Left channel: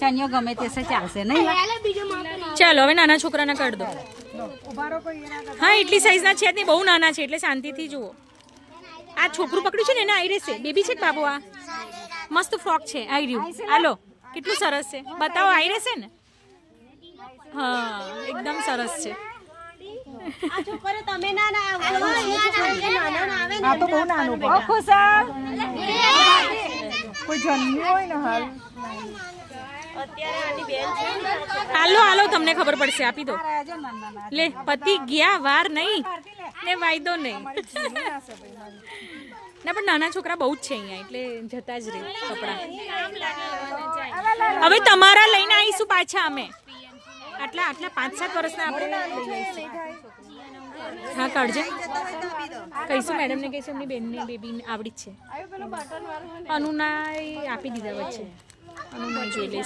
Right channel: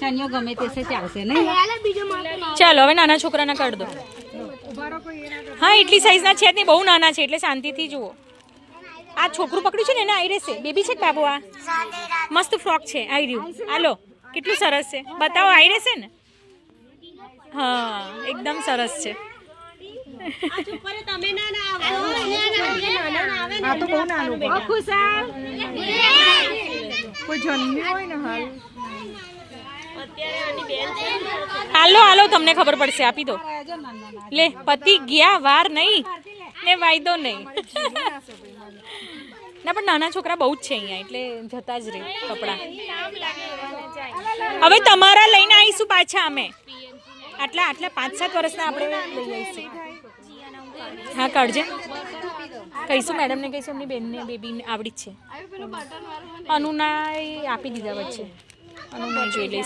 ચણિયો ગમે તે ચાલશે નહીં. ચાલો હવે નાના છોકરાના કાઢ દો. હા એટલી સાઈઝના છે જ નહીં, બહુ નાના છે એટલે શાંતિથી જુઓ. આ છોકરું પકડ્યું છે ને એને આવી રહેશે. બેબી છે બાબુ, આ મસ્ત ફ્રોક છે, આવી રહ્યું. હાલો કેટલું સરસ છે, બતાવો. આવી રહેશે ને? હા એકદમ સરસ છે. આ તો બહુ નાનું છે. ખુશાલ કોઈ જન્મ્યું હોય ને હાલ. હાલો હાલો તમને ખબર પડશે. આપી દો લે. પતિ ગયા, વાર નહીં ને વાયદો નહીં. ના પણ નાના છોકરા બહુ જ છે અહીંયા એટલે જતા જ રહે કપડાં. હવે તમારા લઈને આવીશું પાછા અમે. આટલા 5-7 વર્ષના આપણે લઈ આવીશું. હા કાઢજે. કહીશું મેડમને, કહીશું એમની બેનને બેબીને આવડી જ છે. અનુના આપી દીધા વચ્ચે. અનુના જોઈ લઈશ.